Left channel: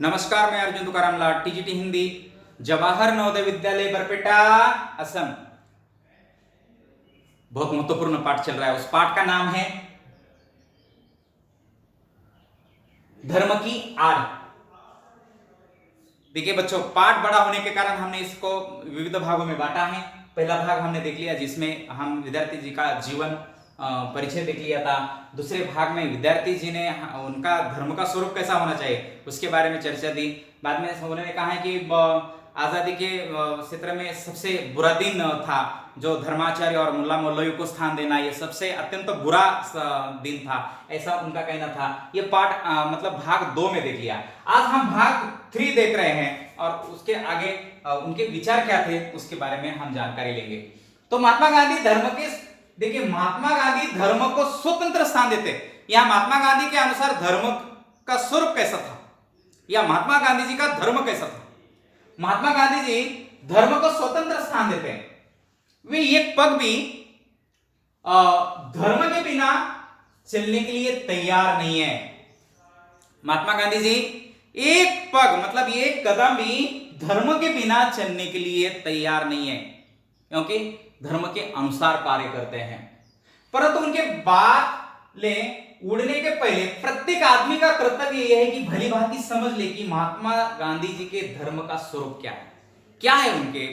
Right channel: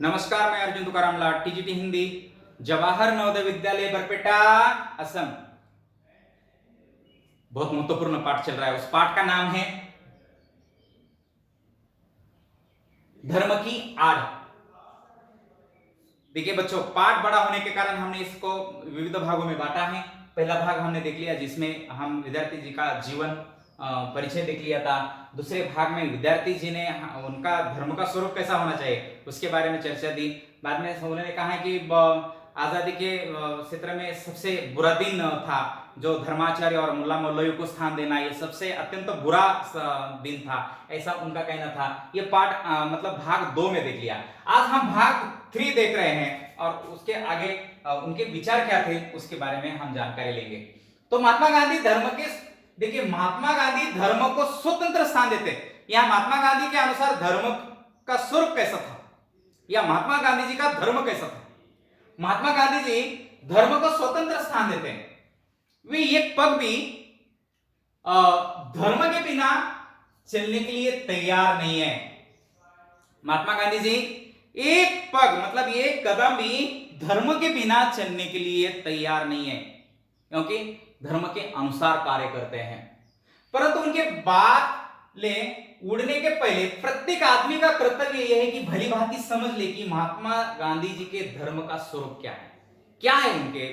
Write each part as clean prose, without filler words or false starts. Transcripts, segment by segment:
नमस्कार, मैं अर्जुन तुकाराम लाड, टीजीटी हिंदी, जवाहर नवोदय विद्यालय बरपेटा, असम। बहुत महत्वपूर्ण पाठ चल रहा है। उस पाठ का नाम है धर्म की आड़। देखिए बच्चों, पाठ बड़ा होने के कारण हमने इसको विविध भागों में बांटा है। पहला भाग हमने देख लिया जिसमें हम विद्यार्थी जी का जीवन परिचय देख लिया था। दूसरे भाग में विद्यार्थी जी ने उनका धर्म का स्वरूप कैसा होना चाहिए उसके बारे में चर्चा दी। बाद में उन्होंने कहा है कि आजादी के क्षेत्र में सबसे बुरा दिन था जो धर्माचार्य और मुल्ला मौलवी को स्थान देना, ये सबसे अत्यंत बुरा दिन था, ऐसा उनका कहना था। ये पाठ मतलब भाग 2 में देख लिया। आज हम भाग 3 देख रहे हैं और उसके आगे उनके विचार क्या थे उसके बारे में हम जानकारी लेंगे। तो महात्मा गांधी धर्म के, देखिए महात्मा गांधी धर्म को स्वतंत्र स्थान देते। या महात्मा गांधी के अनुसार धर्म का स्वरूप कैसा था, या महात्मा गांधी जी का धर्म कैसा था। महात्मा गांधी जी धर्म को स्वतंत्र स्थान देते हैं। वे एक पग भी धर्म के बिना चलने के लिए तैयार नहीं है। महात्मा गांधी जी एक पग मतलब एक कदम भी धर्म के बिना चलने के लिए तैयार नहीं है, क्योंकि धर्म के अनुसार कार्य करते हैं। परंतु उनके बात ले उड़ने के पहले प्रत्येक आदमी का कर्तव्य यह है कि भली भांति समझ ले कि महात्मा गांधी जी के धर्म का स्वरूप क्या है, क्या है उनके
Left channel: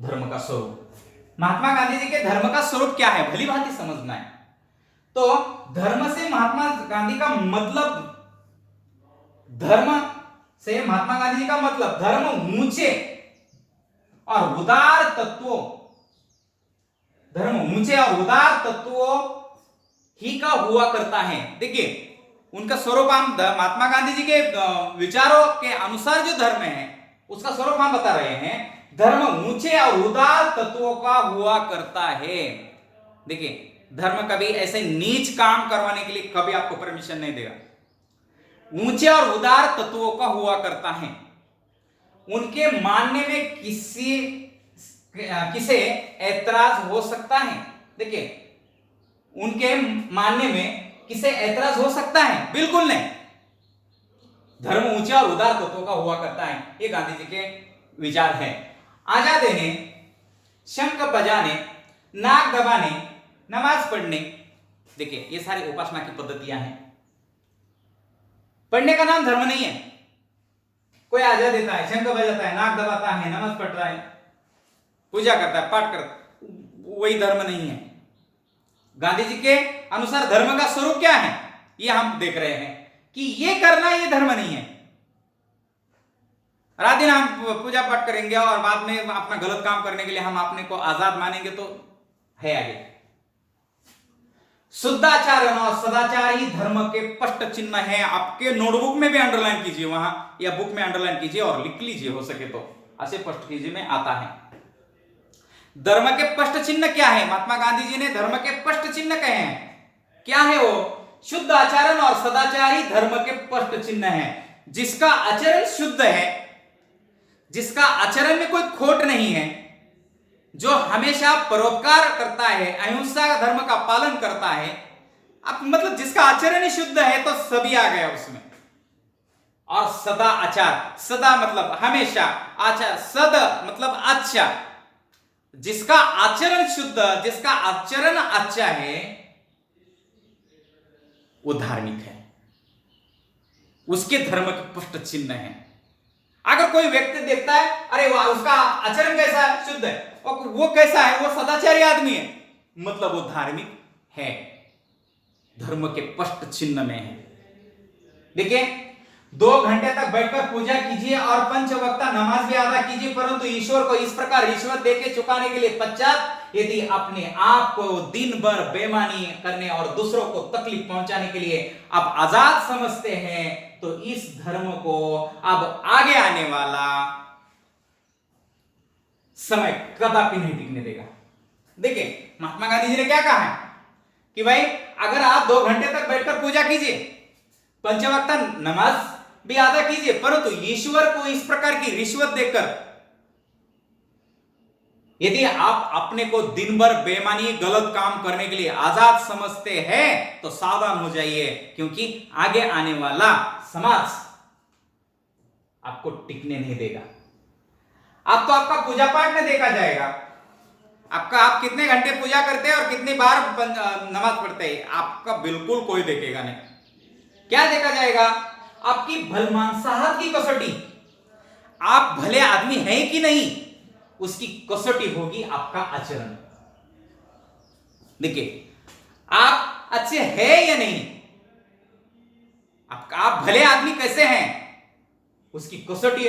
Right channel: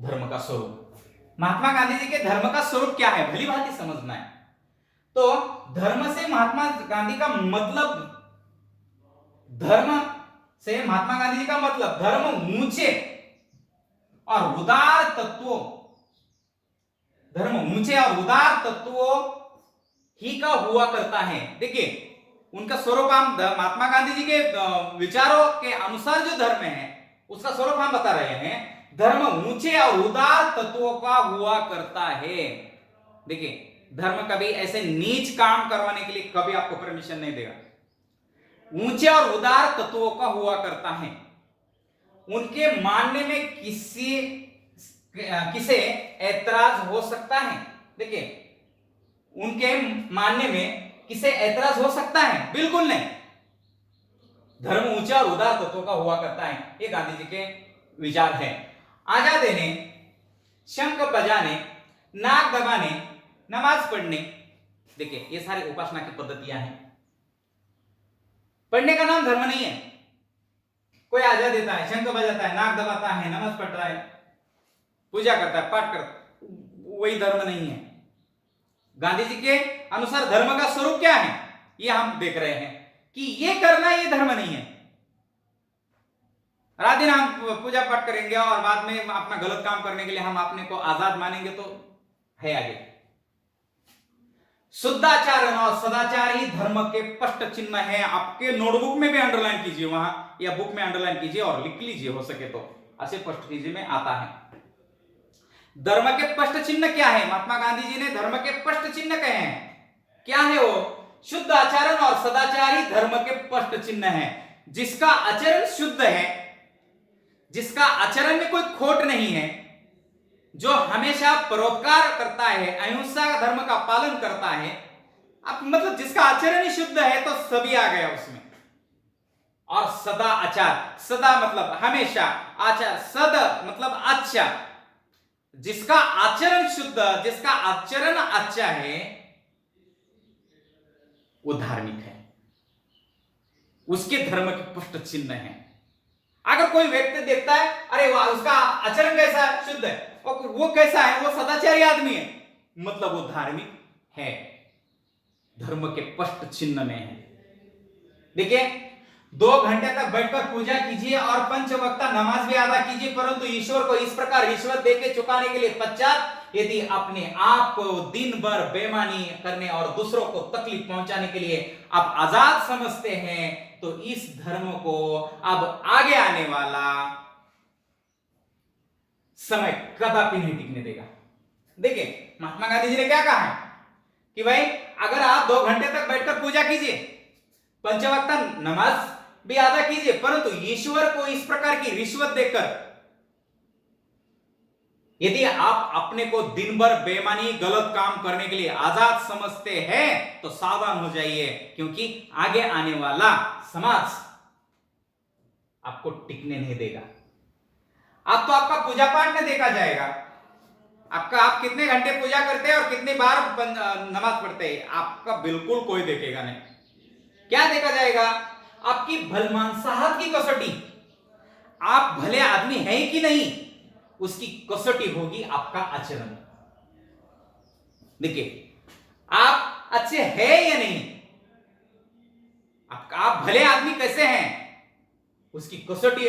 धर्म का स्वरूप। महात्मा गांधी जी के धर्म का स्वरूप क्या है भली भांति समझना है। तो धर्म से महात्मा गांधी का मतलब, धर्म से महात्मा गांधी जी का मतलब धर्म ऊंचे और उदार तत्वों, धर्म ऊंचे और उदार तत्वों ही का हुआ करता है। देखिए उनका स्वरूप हम महात्मा गांधी जी के विचारों के अनुसार जो धर्म है उसका स्वरूप हम बता रहे हैं। धर्म ऊंचे और उदार तत्वों का हुआ करता है। देखिए धर्म कभी ऐसे नीच काम करवाने के लिए कभी आपको परमिशन नहीं देगा। ऊंचे और उदार तत्वों का हुआ करता है। उनके मानने में किसे ऐतराज हो सकता है। देखिए उनके मानने में किसे ऐतराज हो सकता है? बिल्कुल नहीं। धर्म ऊंचा और उदार तत्वों का हुआ करता है, ये गांधी जी के विचार है। आजाद देने, शंख बजाने, नाक दबाने, नमाज पढ़ने, देखिए ये सारी उपासना की पद्धतियां हैं। पढ़ने का नाम धर्म नहीं है। कोई आजाद देता है, शंख बजाता है, नाक दबाता है, नमाज पढ़ रहा है, पूजा करता है, पाठ करता है, वही धर्म नहीं है। गांधी जी के अनुसार धर्म का स्वरूप क्या है ये हम देख रहे हैं कि ये करना ये धर्म नहीं है। रात दिन हम पूजा पाठ करेंगे और बाद में अपना गलत काम करने के लिए हम अपने को आजाद मानेंगे तो है आगे। शुद्धाचारण और सदाचार ही धर्म के स्पष्ट चिन्ह है। आपके नोटबुक में भी अंडरलाइन कीजिए, वहां या बुक में अंडरलाइन कीजिए और लिख लीजिए, हो सके तो ऐसे स्पष्ट कीजिए में आता है। धर्म के स्पष्ट चिन्ह क्या है? महात्मा गांधी जी ने धर्म के स्पष्ट चिन्ह कहे हैं। क्या है वो? शुद्ध आचरण और सदाचार ही धर्म के स्पष्ट चिन्ह है। जिसका आचरण शुद्ध है, जिसका आचरण में कोई खोट नहीं है, जो हमेशा परोपकार करता है, अहिंसा धर्म का पालन करता है, अब मतलब जिसका आचरण ही शुद्ध है तो सभी आ गया उसमें। और सदा आचार, सदा मतलब हमेशा, आचार सद मतलब अच्छा। जिसका आचरण शुद्ध, जिसका आचरण अच्छा है वो धार्मिक है, उसके धर्म के स्पष्ट चिन्ह है। अगर कोई व्यक्ति देखता है अरे वाह उसका आचरण कैसा है, शुद्ध है, और वो कैसा है, वो सदाचारी आदमी है, मतलब वो धार्मिक है, धर्म के स्पष्ट चिन्ह में है। देखिए 2 घंटे तक बैठकर पूजा कीजिए और पंचवक्ता नमाज भी अदा कीजिए, परंतु ईश्वर को इस प्रकार रिश्वत देके चुकाने के लिए पश्चात यदि अपने आप को दिन भर बेईमानी करने और दूसरों को तकलीफ पहुंचाने के लिए आप आजाद समझते हैं तो इस धर्म को अब आगे आने वाला समय कदापि नहीं टिकने देगा। देखिए महात्मा गांधी जी ने क्या कहा है कि भाई अगर आप 2 घंटे तक बैठकर पूजा कीजिए, पंचवक्ता नमाज भी अदा कीजिए, परंतु ईश्वर को इस प्रकार की रिश्वत देकर यदि आप अपने को दिन भर बेईमानी गलत काम करने के लिए आजाद समझते हैं तो सावधान हो जाइए, क्योंकि आगे आने वाला समाज आपको टिकने नहीं देगा। आप तो आपका पूजा पाठ में देखा जाएगा, आपका आप कितने घंटे पूजा करते हैं और कितनी बार नमाज पढ़ते हैं, आपका बिल्कुल कोई देखेगा नहीं। क्या देखा जाएगा? आपकी भलमानसाहत की कसौटी, आप भले आदमी हैं कि नहीं, उसकी कसौटी होगी आपका आचरण। देखिए, आप अच्छे हैं या नहीं, आप भले आदमी कैसे हैं, उसकी कसौटी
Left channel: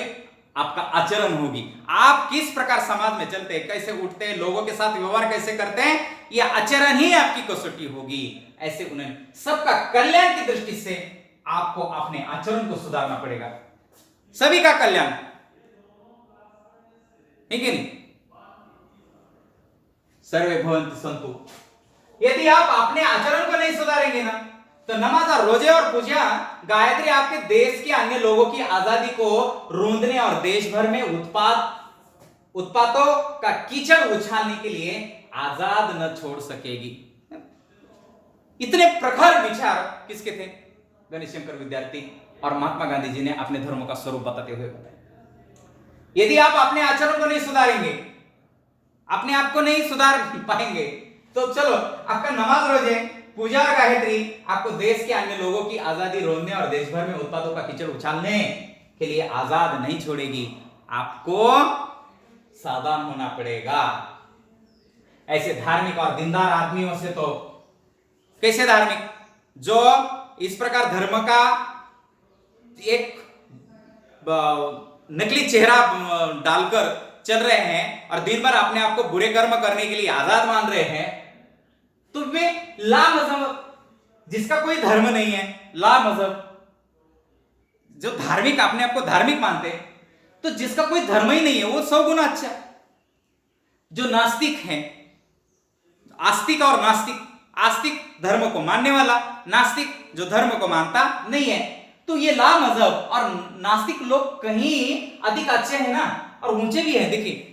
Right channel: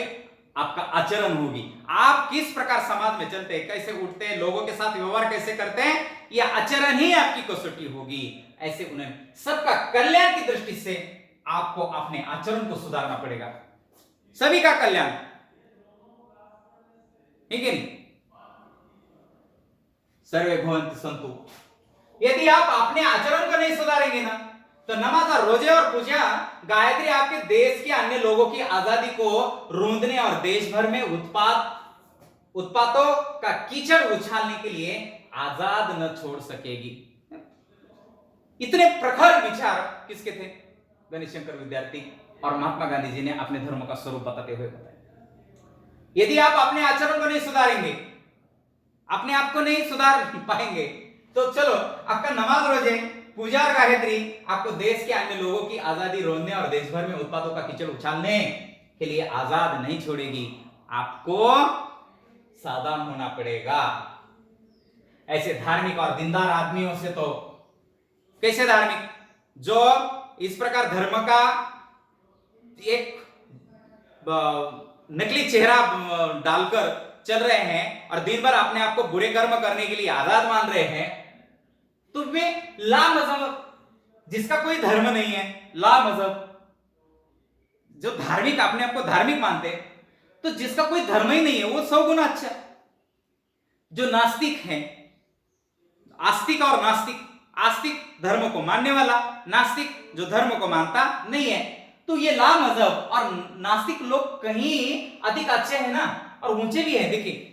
आपका आचरण होगी। आप किस प्रकार समाज में चलते हैं, कैसे उठते हैं, लोगों के साथ व्यवहार कैसे करते हैं, यह आचरण ही आपकी कसौटी होगी। ऐसे उन्हें सबका कल्याण की दृष्टि से आपको अपने आचरण को सुधारना पड़ेगा, सभी का कल्याण, ठीक है नहीं? सर्वे भवन्तु सन्तु। यदि आप अपने आचरण को नहीं सुधारेंगे ना, तो नमाज और रोजे और पूजा गायत्री आपके देश के अन्य लोगों की आजादी को रोंदने और देश भर में उत्पातों का कीचड़ उछालने के लिए आजाद न छोड़ सकेगी। इतने प्रखर विचार किसके थे? गणेश शंकर विद्यार्थी और महात्मा गांधी जी ने अपने धर्म का स्वरूप बताते हुए बताया। यदि आप अपने आचरण को नहीं सुधारेंगे, अपने आप को नहीं सुधार पाएंगे, तो चलो आपका नमाज रोजे पूजा और गायत्री आपको देश के अन्य लोगों की आजादी रोकने और देश भर में उत्पादों का कीचड़ उछालने के लिए आजाद नहीं छोड़ेगी। आपको सावधान होना पड़ेगा। ऐसे धार्मिक और दीनदार आदमियों से तो, कैसे धार्मिक, जो इस प्रकार धर्म का एक नकली चेहरा डालकर चल रहे हैं और दिन भर अपने आप को बुरे कर्म करने के लिए आजाद मान रहे हैं, तो वे ला मजहब, जिसका कोई धर्म नहीं है, ला मजहब, जो धार्मिक अपने आप को धार्मिक मानते हैं, तो जिसका कोई धर्म ही नहीं है वो 100 गुना अच्छा है। जो नास्तिक है, आस्तिक और नास्तिक, आस्तिक धर्म को मानने वाला, नास्तिक जो धर्म को मानता नहीं है, तो ये ला मजहब और नास्तिक लोग कहीं अधिक अच्छे हैं ना, और ऊंचे भी हैं। देखिए,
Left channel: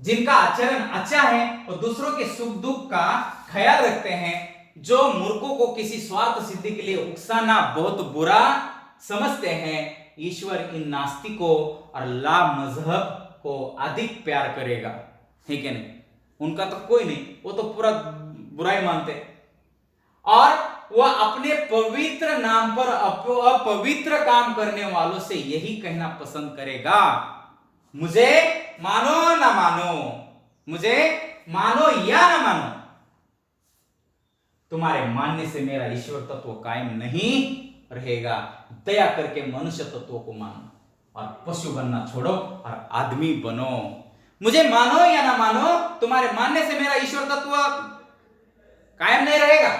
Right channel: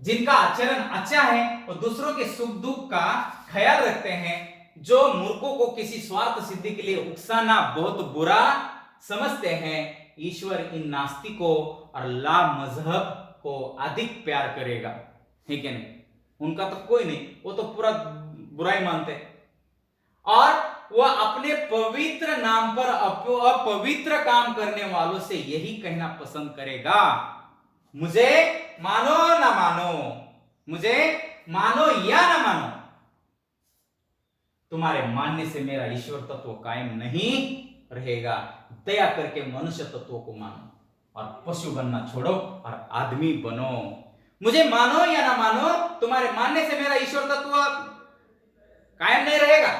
जिनका आचरण अच्छा है और दूसरों के सुख दुख का ख्याल रखते हैं, जो मूर्खों को किसी स्वार्थ सिद्धि के लिए उकसाना बहुत बुरा समझते हैं, ईश्वर इन नास्तिकों और ला मजहब को अधिक प्यार करेगा, है क्या नहीं? उनका तो कोई नहीं, वो तो पूरा बुराई मानते हैं और वह अपने पवित्र नाम पर अपवित्र काम करने वालों से यही कहना पसंद करेगा, मुझे मानो ना मानो, मुझे मानो या ना मानो, तुम्हारे मानने से मेरा ईश्वर तत्व कायम नहीं रहेगा। दया करके मनुष्य तत्व को मानो और पशु बनना छोड़ो और आदमी बनो। मुझे मानो या ना मानो, तुम्हारे मानने से मेरा ईश्वर तत्व कायम नहीं रहेगा।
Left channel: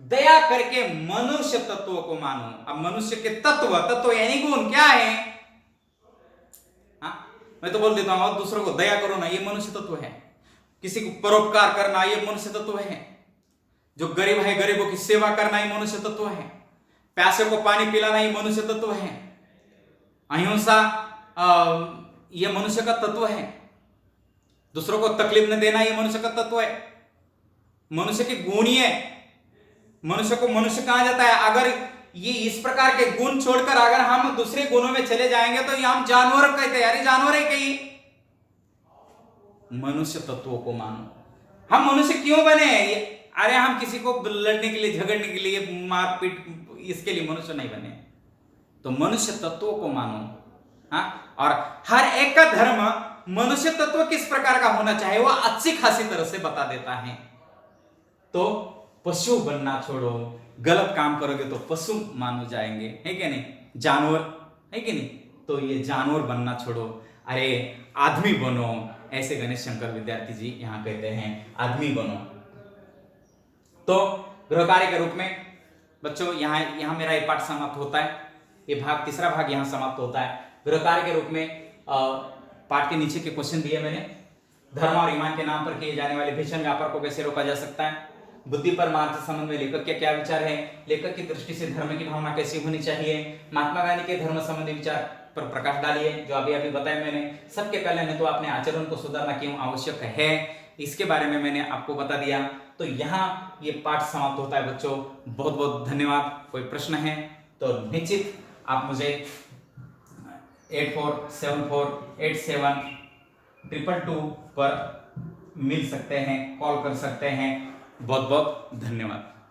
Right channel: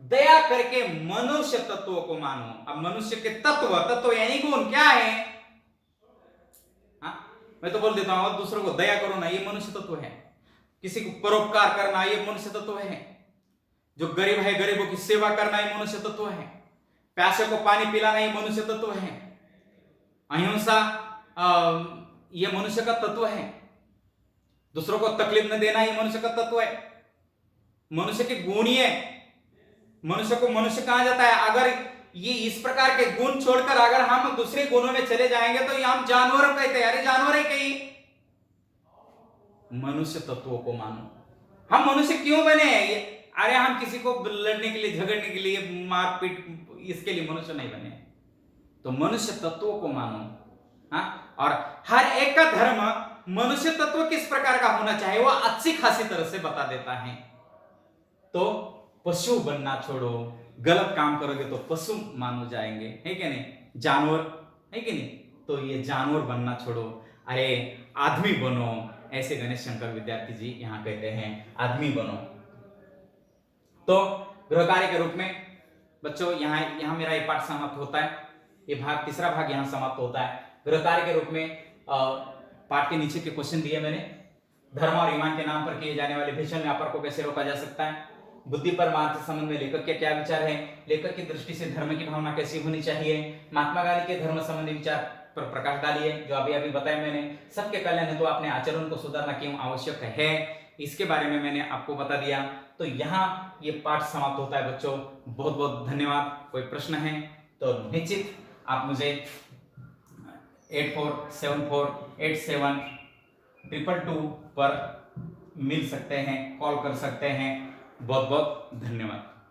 दया करके मनुष्य तत्व को मानो। अब मनुष्य के तत्व यानी गुण क्या है? मैं तो बोल देता हूं, दूसरों को दया करो ना, ये मनुष्य तत्व है। किसी को परोपकार करना, ये मनुष्य तत्व है। जो गरीब है, गरीबों की सेवा करना, ये मनुष्य तत्व है। प्यासे को पानी पिलाना, ये मनुष्य तत्व है। अहिंसा ये मनुष्य का तत्व है। दूसरों को तकलीफ न देना, ये मनुष्य का तत्व है। मनुष्य के गुण ही है। मनुष्य को मनुष्य कहा जाता है। अगर ये इस प्रकार के गुण छोड़कर अगर हम दूसरे गुणों में चले जाएंगे तो ये हम जानवर कहते हैं। अरे जानवर है कहीं? मनुष्य तत्वों को मानो। हम मनुष्य क्यों बने हैं? अरे हम किसी को लड़ने के लिए, झगड़ने के लिए, मारपीट, इसके लिए मनुष्य नहीं बने। तो मनुष्य तत्वों को मानो। हाँ, और हर एक का धर्म मनुष्य तत्व किस प्रकार का होना चाहिए वह अच्छी खासी तरह से बता देता है। तो पशु बनना छोड़ो, गलत काम करोगे तो पशु मानो जाएंगे, है कि नहीं? जानवर, है कि नहीं? तो ये जानवर बनना छोड़ो, अरे आदमी बनो। ऐसे गणेश शंकर विद्यार्थी जी यहां कहते हैं, आदमी बनो। तो गृह कार्य के रूप में बच्चों यहां मेरा ये पाठ समाप्त होता है। ये भाग, तीसरा भाग यहां समाप्त होता है। गृह कार्य के रूप में पाठ के नीचे के क्वेश्चन दिए मैंने। धर्म और ईमान के नाम पर किए जाने वाले भीषण व्यापार को कैसे रोका जा सकता है? बुद्धि पर मार्ग के संबंध में लेखक के क्या विचार है? लेखक की दृष्टि से धर्म की भावना कैसी होनी चाहिए? महात्मा गांधी के धर्म संबंधी विचार पर प्रकाश डालिए, जो अभी अभी बताया मैंने। सबके कल्याण हेतु अपने आचरण को सुधारना क्यों आवश्यक है, इसके बारे में मैंने आपको बता दिया। तो यहाँ ये पाठ समाप्त होता है बच्चों। बहुत बहुत धन्यवाद। कोई प्रश्न है तो निश्चित आप मुझे 84748722 पर मिल सकते हैं, कॉल कर सकते हैं। बहुत बहुत धन्यवाद।